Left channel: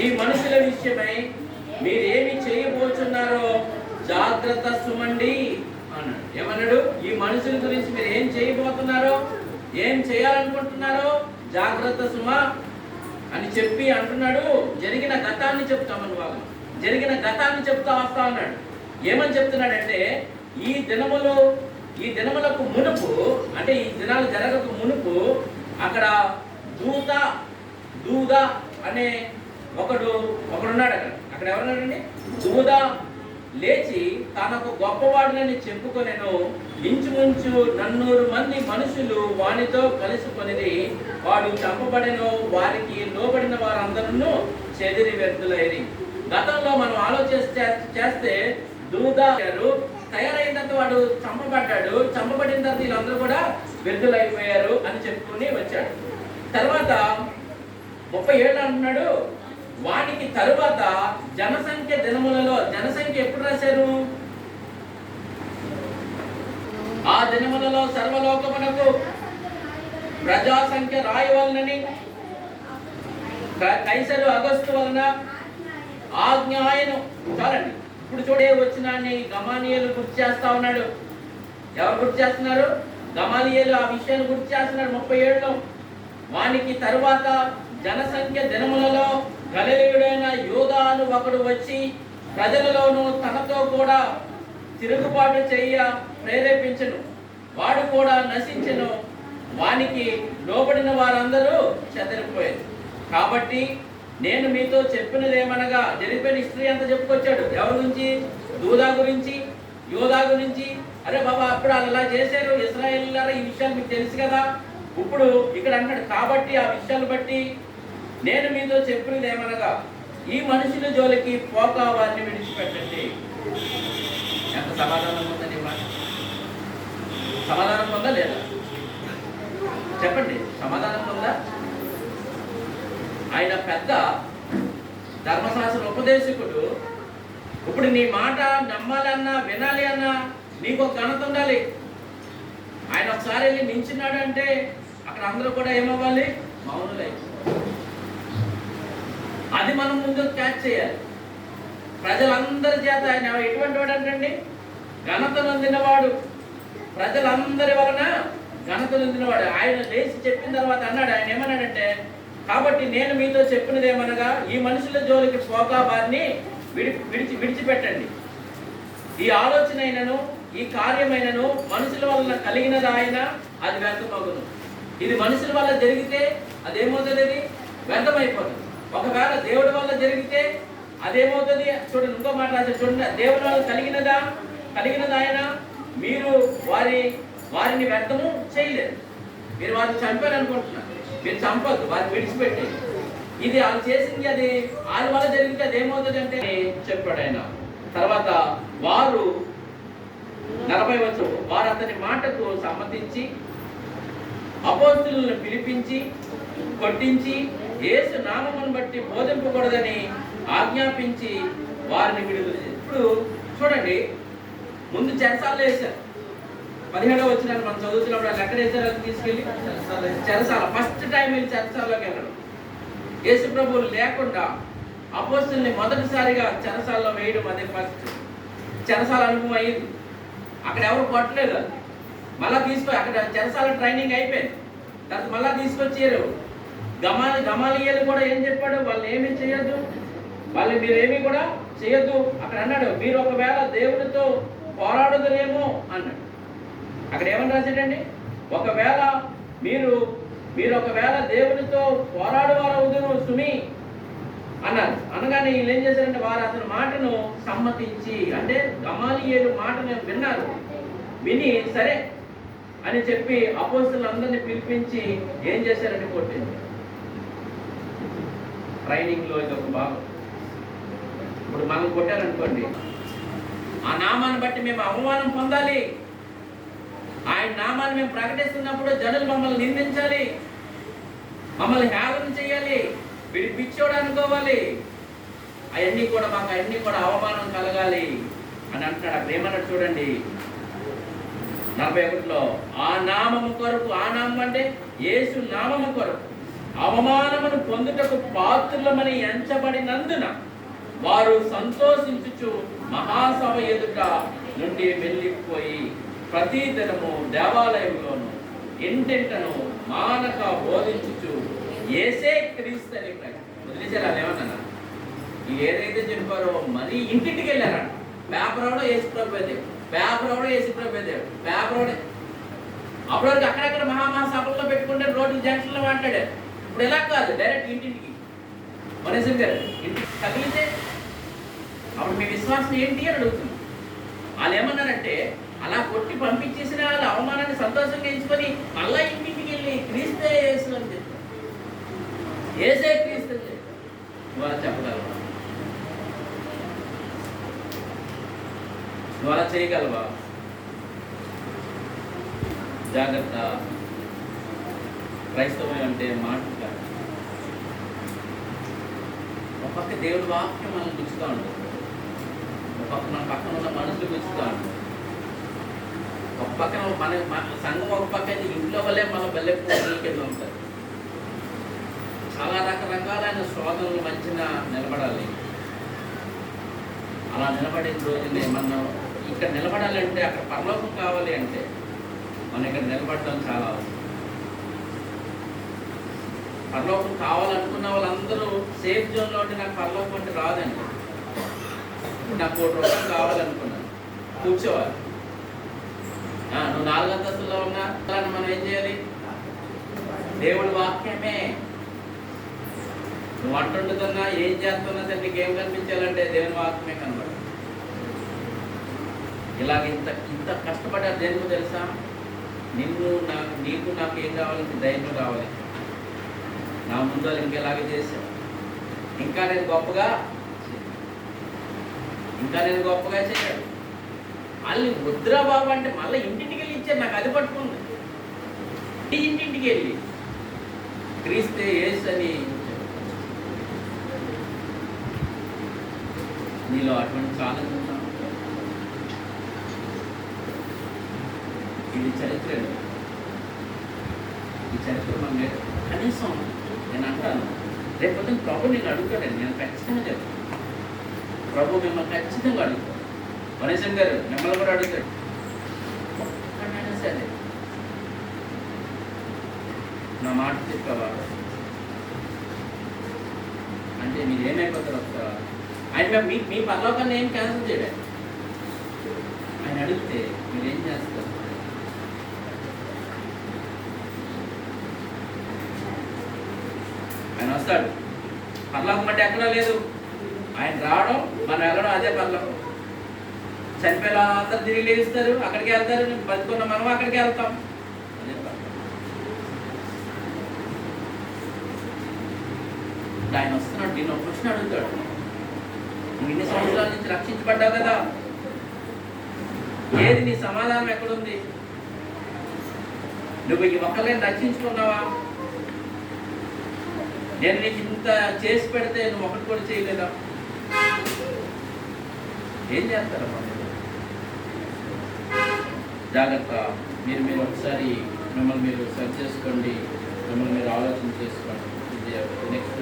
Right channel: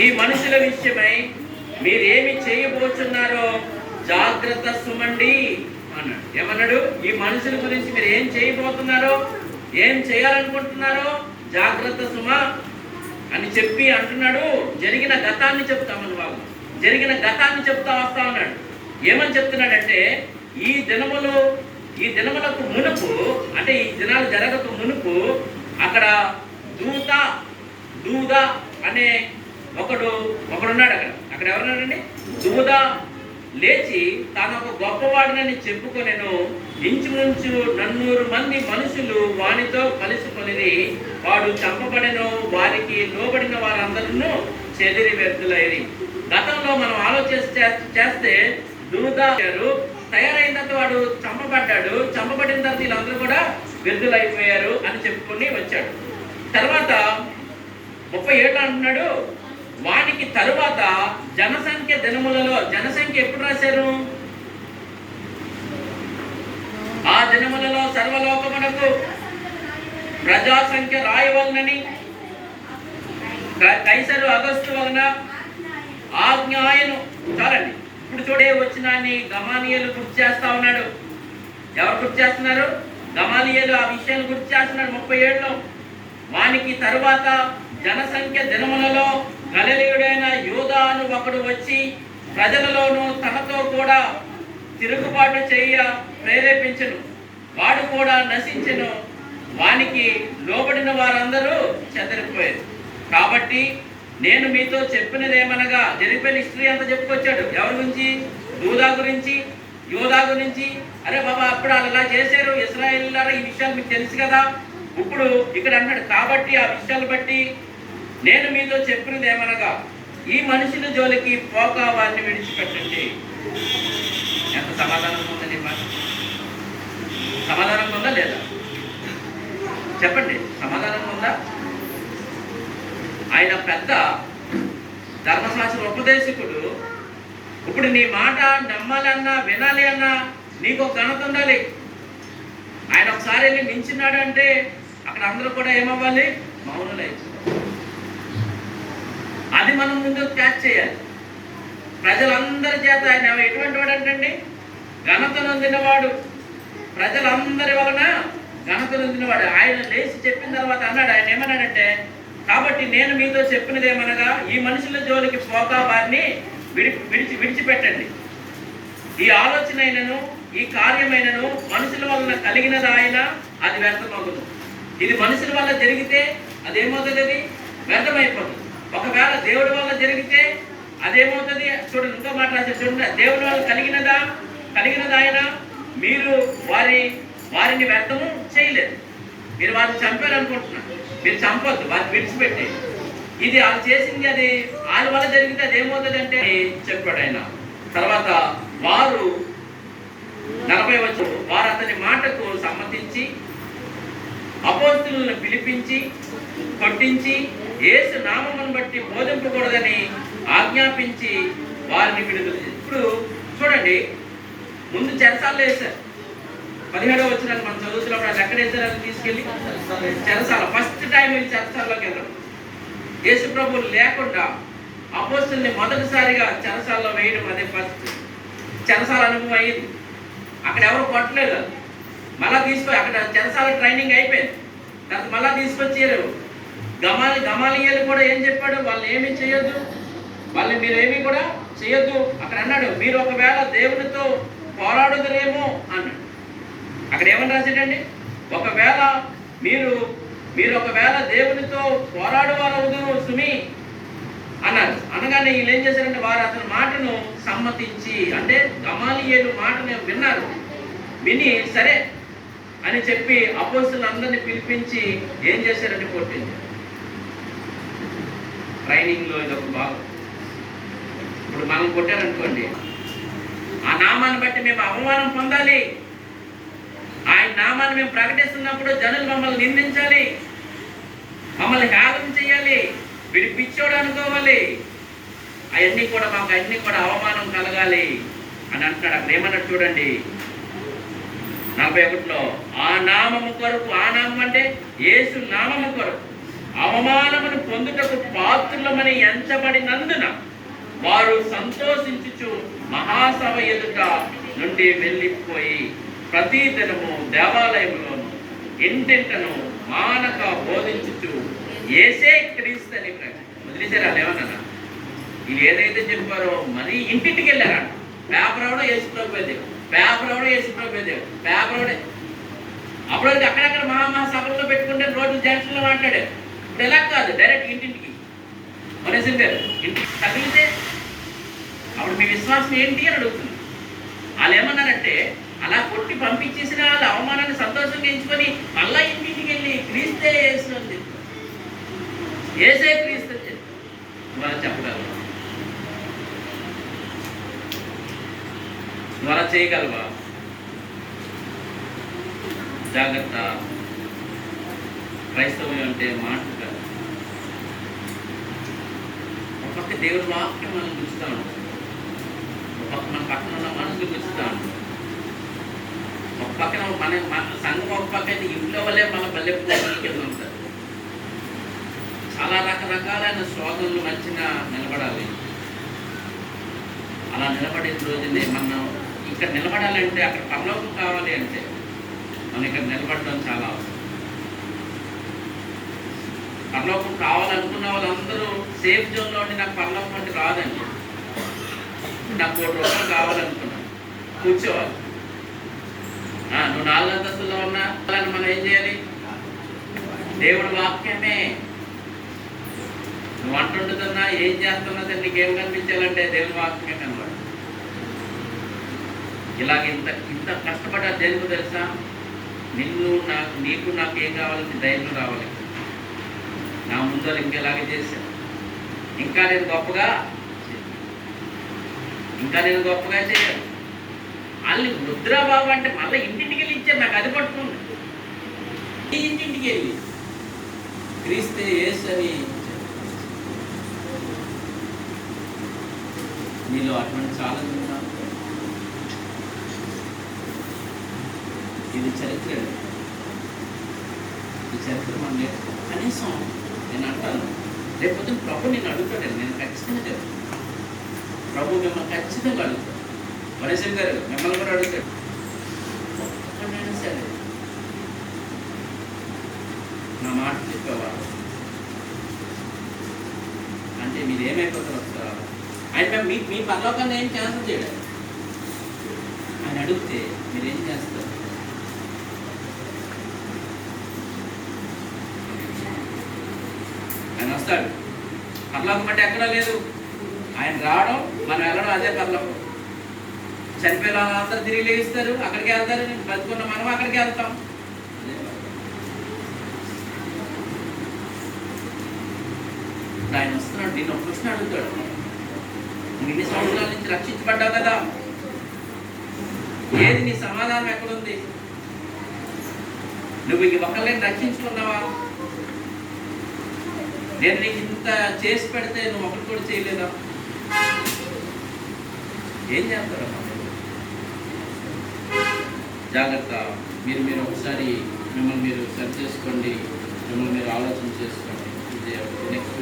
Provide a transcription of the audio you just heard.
ఈ మనుషుల విషయమై మీరేమి చేయబోతున్నారో జాగ్రత్త సుమండి అన్నాడు. ఏమన్నాడు? ఈ మనుషుల గురించి మీరు ఏం చేయబోతున్నారో, ఏం చేయాలనుకుంటున్నారో జాగ్రత్త సుమ అని చెప్పి అంటున్నాడు. జరిగిన గతాన్ని చెప్తామని బాబు, జరిగిన గతాన్ని చెప్తా వస్తా ఉన్నాడు. ఏమని చెప్తున్నాడంటే, ఈ దినములకు మునుపు, అంటే ఈ దినాలు జరగక మునుపు అక్కడ దూద అనే ఒకడున్నాడు. అక్కడ ఎవరున్నాడండి? దూద లేచి తాను ఒక గొప్పవాడినని చెప్పుకొనెను. ఇంచుమించు 400 మంది మనుషులు వానితో కలుసుకొనిది. వాడు చంపబడెను. వారికి లోబడిన వారందరూ చెదిరి వ్యర్థులైరి. గతంలో మనం చేస్తే దూద తయారైన తర్వాత వాడు చంపబడ్డాడు. చంపబడిన తర్వాత వీళ్ళందరూ కూడా వ్యర్థులైపోయారు అని చెప్పుకుని వచ్చాడు. తర్వాత 37 అంటున్నాడు, వానికి తరువాత జనసంఖ్య దినములలో, జనసంఖ్య ఎప్పుడు రాశారు? ఆ దినములలో సర్వలోకమునకు ప్రజాసంఖ్య రాయవలనని కైసరు అగస్తు వలన ఆజ్ఞాయను. చాలండి. ఇప్పుడు చూడే వచ్చినాన్ని గమాలియేలు గుర్తు చేస్తా ఉన్నాడు. ఎవరు గుర్తు చేస్తున్నారు? గమాలియేలు ఆ విషయాన్ని గుర్తు చేస్తున్నాడు 37లో. వానికి తరువాత జనసంఖ్య దినములలో గలిలయుడైన యూదా అను ఒకడు వచ్చి ప్రజలలోనూ తనతో కూడా తిరుగుబాటు చేయ ప్రేరేపించెను. వాడు కూడా నశించెను. వానికి లోబడిన వారందరూ చెదరిపోయారు. కాబట్టి నేను మీతో చెప్పినదేమనగా, జరిగిపోయిన హిస్టరీ అంతా చెప్పుకొచ్చాడు. ఎవరి గురించి? యూదా గురించి. అరే బాబా, అప్పుడు వాళ్ళు ఇలా చేశారు ఇశ్రాయేలీయులారా, ఈ విషయాలు మీకు తెలుసు కదా. ఇప్పుడు ఇక్కడ అన్నాడు, కాబట్టి ఆ విషయాలు బట్టి నేను మీతో చెప్పినది ఏమనగా, ఈ మనుషుల జోలికి పోక వారిని విడిచిపెట్టండి. ఎంత సమాధానం ఉందని మాట? సమాధానం ఉందా లేదా? చెప్పండి, సమాధానం ఉందా? ఆయన పెద్ద ధర్మశాస్త్ర ఉపదేశకుడు. ఇప్పుడు నీ మాట నమ్మాలి అన్నా, వినాలి అన్నా నీకు ఒక ఘనత ఉండాలి. ఆయన ఒకసారి వెళ్ళి మించినాడు అంటే అక్కడ అందరూ కూడా ఏమవ్వాలి? మౌనులై. అది మనం ముందు క్యాచ్ చేయాలి. ప్రజలందరి చేత ఆయన ఎటువంటి వాడు అంటండి? ఘనత నొందినవాడు. ప్రజలందరి వలన ఘనత నొందినవాడు. ఆయన లేచి చెప్పిన తర్వాత అన్నాడు, ఆయన ఏమన్నాడంటే, కాబట్టి నేను మీతో చెప్పినది ఏమనగా, ఈ మనుషుల జోలికి పోక వారిని విడిచిపెట్టండి. ఈ ఆలోచన అయినను ఈ కార్యమైనను మనుషుల వలన కలిగినది ఆయన, అది వ్యర్థమగును. ఇది మనుషుల వల్ల జరిగితే అదేమవుతుంది? అది వ్యర్థమైపోతుంది. ఒకవేళ దేవుడి వల్ల జరిగితే అదేమవుతుంది? చూడండి, ఇంకో మాట రాశారు చూడండి. దేవుడి వల్ల కలిగినది ఆయన, మీరు వారిని వ్యర్థము చేయలేదు. మీరు వారిని చంపారు అనుకుంటున్నారు. మీరు చంపొద్దు, వారిని విడిచిపెట్టి. ఇది వాళ్ళు చేసింది, అది వాళ్ళ వల్ల జరిగితే అదేమవుతుంది అంటే చెప్పాడు ఆయన. తర్వాత వారు 40 వచ్చి వారు అతని మాటకు సమ్మతించి అపోస్తలులను పిలిపించి కొట్టించి యేసు నామమును బట్టి బోధింపకూడదని ఆజ్ఞాపించి వారిని విడుదల చేశారు. ఇప్పుడు చూడండి, ముందు చెరసాల్లో వేశారు. 17వ వచనాన్ని మనం చదువుతున్నప్పుడు అది ఎక్కడ వేశారు? అది తీసుకెళ్ళి చెరసాల. ఫస్ట్ టైం వీళ్ళు చెరసాల్లోకి వెళ్ళరు. యేసు ప్రభువు లేకుండా అపోస్తలుని మొదటిసారిగా చెరసాల్లో వేయడం అదే ఫస్ట్ చెరసాల అనుభవం అయింది. అక్కడ ఎవరు కొట్టలేదు. మళ్ళా అక్కడ చెరసాల ట్రైనింగ్ అయిపోయింది. తర్వాత మళ్ళా తీసుకొచ్చారు. గమాలియేలు కూడా ఏం చెప్పాడు? వాళ్ళు ఏమీ చేయొద్దు, మీరు ఏమీ కూడా చేయొద్దు. అక్కడ అన్నాడు, మీరు ఒకవేళ దేవునితో పోరాడుదరేమో అన్నాడు. అక్కడ ఏమని రాశాడండి? ఒకవేళ మీరు ఒకవేళ దేవునితో పోరాడువారవుదురు సుమి అన్నారు. అనగానే వీళ్ళు ఏం చేశారంటే, వారు అతని మాటను సమ్మతించి, అంటే గమాలియేలు మాటను విన్నారు. విని సరే అని చెప్పి అపోస్తలులందరినీ పిలిపించి ఏం చేశారంటే కొట్టింది. ట్రైనింగ్లో ఇది ఒక భాగం. ఇప్పుడు మనం కొట్టారనుకోండి, ఆ నామాన్ని బట్టి మేము అవమానం పొందాలి. ఆయన నామాన్ని మేము ప్రకటిస్తున్నప్పుడు జనులు మమ్మల్ని నిందించాలి, మమ్మల్ని హేళన చేయాలి, వీడి పిచ్చోడు అనుకోవాలి. అవన్నీ కూడా మాకు అన్ని కూడా అవమానం కలగాలి అని అంటున్నాడు. అక్కడ ఏమన్నాడు చూడండి 41లో, ఆ నామము కొరకు, ఆ నామం అంటే యేసు నామము కొరకు అవమానమును పొందుటకు పాత్రులమని ఎంచబడినందున వారు సంతోషించుచు మహాసభ ఎదుట నుండి వెళ్ళిపోయి ప్రతి దినము దేవాలయంలోను ఇంటింటను మానక బోధించుచు ఏసే క్రీస్తు అని వదిలేసారు. వాళ్ళు ఏమన్నా వీళ్ళు ఏదైతే చెప్పారో మరి ఇంటింటికి వెళ్ళారంట. పేపర్ అవడం ఏసు ప్రభుదేవు, పేపర్ అవడం ఏసు ప్రభుదేవు, పేపర్ అవడే. అప్పటివరకు అక్కడక్కడ మహాసభల్లో పెట్టుకుంటే రోడ్లు జంక్షన్లో మాట్లాడారు. ఇప్పుడు ఎలా కాదు, డైరెక్ట్ ఇంటింటికి. మనసింగ్ గారు ఇంటికి తగిలితే అప్పుడు మీ విశ్వాసం ఏంటి అని అడుగుతుంది. వాళ్ళు ఏమన్నారంటే అలా కొట్టి పంపించేసిన వాళ్ళ అవమానాన్ని సంతోషంగా ఎంచుకొని మళ్ళా ఇంటింటికి వెళ్ళి క్రీస్తే యేసు అని చెప్తారు. ఏసే క్రీస్తు అని చెప్తారు. ద్వారా చెప్పగలవా? ద్వారా చేయగలవా? జాగ్రత్త. క్రైస్తవం అంటే మాట కాదు. ఒక పక్క దేవుడి వాక్యం మనం గుచ్చుతా ఉంటాం, ఒక పక్క మన పక్కన ఉన్న మనసులు గుచ్చుతా ఉంటాం, ఒక పక్కన మన సంఘం, ఒక పక్క అయితే ఇంట్లో వల్లే మన బల్లె పూజల కింద ఉంటారు. చాలా రకరకాలైన శోధనలు మధ్యన నిలబడాలి. అలా నిలబడే రోజునే మనం ఇక్కడ నిలబడాలంటే, అక్కడ పరలోకం కావాలి అంటే మనం ఇక్కడ నిలబడడం చాలా అవసరం. పరలోకం కావాలనుకున్న వాళ్ళందరూ సేఫ్ జోన్లో ఉండి నాకు పరలోకం అంటే రాదండి, నాకు 1 కోటి రూపాయలు కావాలనుకున్నాను, కూర్చోవాలి. నువ్వు 4 అంతస్తుల్లో ఉన్నా మనం ఏం చేయాలి? దేవుడి వాక్యమే. నువ్వు అంటుంటున్నా ఏం చేస్తున్నా సరే నీకేం కనిపించాలంటే దేవుని వాక్యమే కనబడ. ఇలాగ ఇంత ఇంత కష్టపడ్డారు దేనికి తెలుసా? నీకు నాకు ఏం కావాలంటే ధైర్యం రావాలి. నా ముందు వాళ్ళు ఇంకెలాగే చేశాను, ఇంకా నేను గొప్పగా చేయాలి. వాళ్ళు రుద్రబాబు అంటే మళ్ళీ ఇంటింటికి వెళ్ళి ఇచ్చారు. నాకు అది పట్టుకుంది. ఇంటింటికి వెళ్ళి క్రీస్తే యేసు అని నీలో అటువంటి చాలా ఉన్నాను. ఇది చరిత్ర. ఈ చరిత్ర మన కనీసం నేను అంటాను, రేపు ప్రభు నేను అడుగుతాను. నేను ఖచ్చితంగా చెప్తాను, ప్రభు మిమ్మల్ని ఖచ్చితంగా అడుగుతాను. మనీషం గారు మిమ్మల్ని కూడా అడుగుతాడు. ఒక్కడైనా సరే నా మాట చెప్పవా అంటే మీరు ఏమైపోతారు? ఆయన మీ పరలోకాన్ని ఏం క్యాన్సిల్ చేయడం. ఆయన అడిగితే మీరేం చేస్తారు? ఆయన వస్తాడు. పరలోకం అంటే ఎక్కడా లేదు. ఆయన రావడం, మనం వెళ్ళడం, అదే పరలోకం. చనిపోయిన అందరూ తిరిగి లేస్తారు, అక్కడికి వెళ్తారు. బతుకున్న మనం అక్కడికి వెళ్తాం. అదే ఆయన వస్తున్నాడు. నేను ఒక ప్రశ్న అడుగుతాడు, ఇన్ని సంవత్సరాల నుంచి రక్షించబడ్డావు కదా, ఏది నీ సమాధానం ఎక్కడుంది? నువ్వు ఈ ఒక్కరిని రక్షించుకున్నావా? నేను నీకు ఇంత చేసి పెడితే నువ్వు ఒకటి కూడా చేయలేదా? ఏం చేస్తారమ్మా? జాగ్రత్త. మీరు ఒకసారి మిమ్మల్ని మీరు సరి చేసుకోండి, మిమ్మల్ని మీరు ఆలోచన చేసుకోండి. ఇది నెక్స్ట్